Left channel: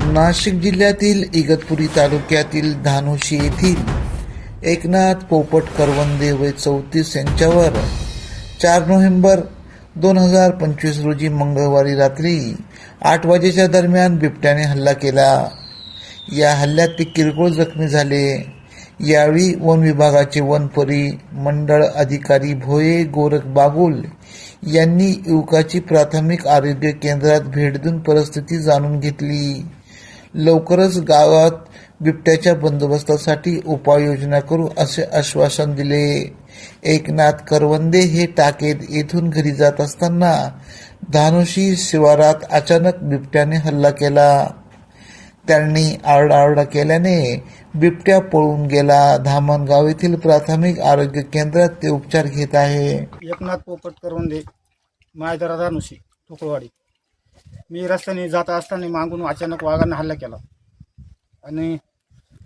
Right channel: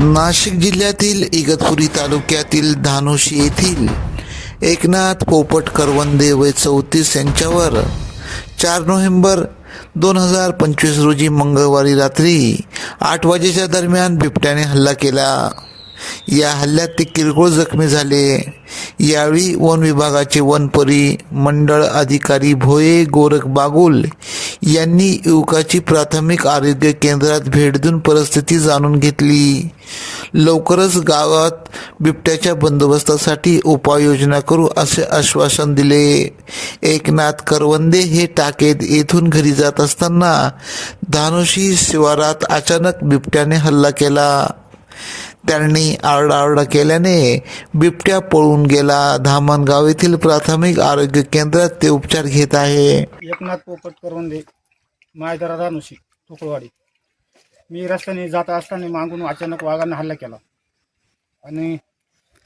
नाशिक जिल्ह्यातील इगतपुरी तालुक्यातील धानुशी येथील एकनाथ पोपट करवंदे वय चौतीस यांच्यावर चार नोव्हेंबर दोन हजार पंचवीस रोजी मंगळवारी रात्री आठ वाजेच्या दरम्यान बिबट्याने हल्ला केला. या हल्ल्यात ते किरकोळ जखमी झाले. यावेळी वन विभागाचे वनपरी मंडळ अधिकारी भोये गोरख बागुल यांनी युवकाची प्राथमिक आरोग्य केंद्रात भेट देऊन परिस्थिती जाणून घेतली. लवकरच गावात बिबट्याच्या बंदोबस्तासाठी उपाययोजना करू असे आश्वासन दिले. एकनाथ करवंदे हे टाकेत येथून घरी जात असताना धानुशी शिवारात अचानक बिबट्याने हल्ला केला. त्यांनी आरडाओरडा केल्याने बिबट्या पळून गेला. धामणगाव येथील प्राथमिक आरोग्य केंद्रात ते उपचार घेत आहे. एकनाथ पोपट करवंदे मायदरा धानुशी ठोकळवाडी मी रस्त्याने जात असताना मागून अचानक वाघानं हल्ला केला. आणि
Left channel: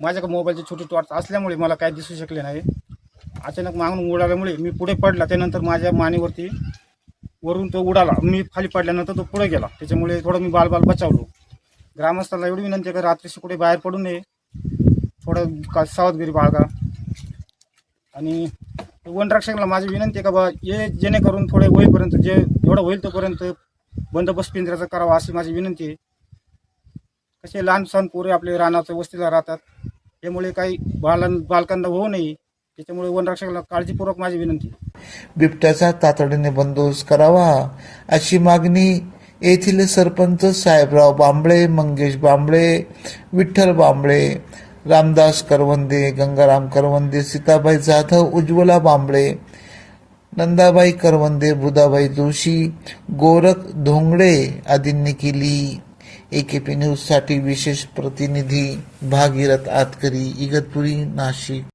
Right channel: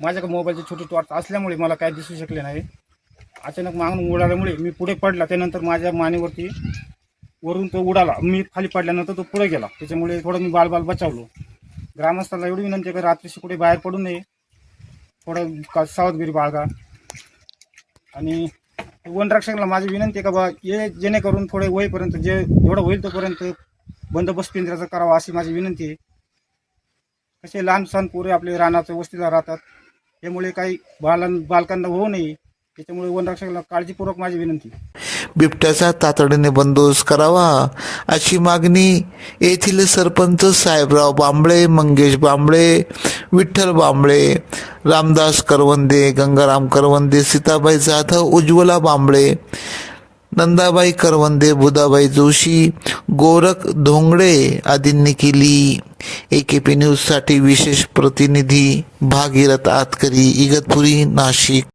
माझ्याकडे मोबाईलची छोटी टॉर्च असल्यामुळे मला काय दिसू शकले नाही. अचानक मागून उडाल्यामुळे मी पुढे पडला. त्यानंतर माझ्या मानेवरती वरून तो उडाला. मी खाली पडल्यानंतर तो पुढे गेला. त्याच्यामुळे थोडं मी बालबाल बचावलो. ग्रामस्थांना एवढी विनंती आहे का रात्रीशी कुठे बाहेर पडू नये. थोडं का सावधगिरी बाळगा. आणि वनरक्षकाला माझी विनंती आहे का बा हे जेणेकरून थोडे होईपर्यंत जे एवढं होईल तोपर्यंत बंदोबस्त पिंजऱ्याचा करावा अशी माझी विनंती आहे. कसे लहान सहान पोरे आपले रानाच्या वस्तीला राहतात त्यामुळे काही बालां बालकांना होऊ नये. त्याच्यामुळे वनरक्षकाला काळजीपूर्वक माझी विनंती आहे. बिबट्याचा तातडीने बंदोबस्त करावा अशी मागणी येथील सरपंच साहेबराव बांबळे मंगेश बांबळे विठ्ठल बांबळे रामदास करवंदे गंगाराम करवंदे सीताबाई जाधव उज्ज्वला बांबळे नंदाबाई करवंदे बुधाबाई जोशी गोरख धोंगडे आदींनी केली. एकेपी न्यूजसाठी विशेष प्रतिनिधी भागीरथ आतकरी इगतपुरी नाशिक.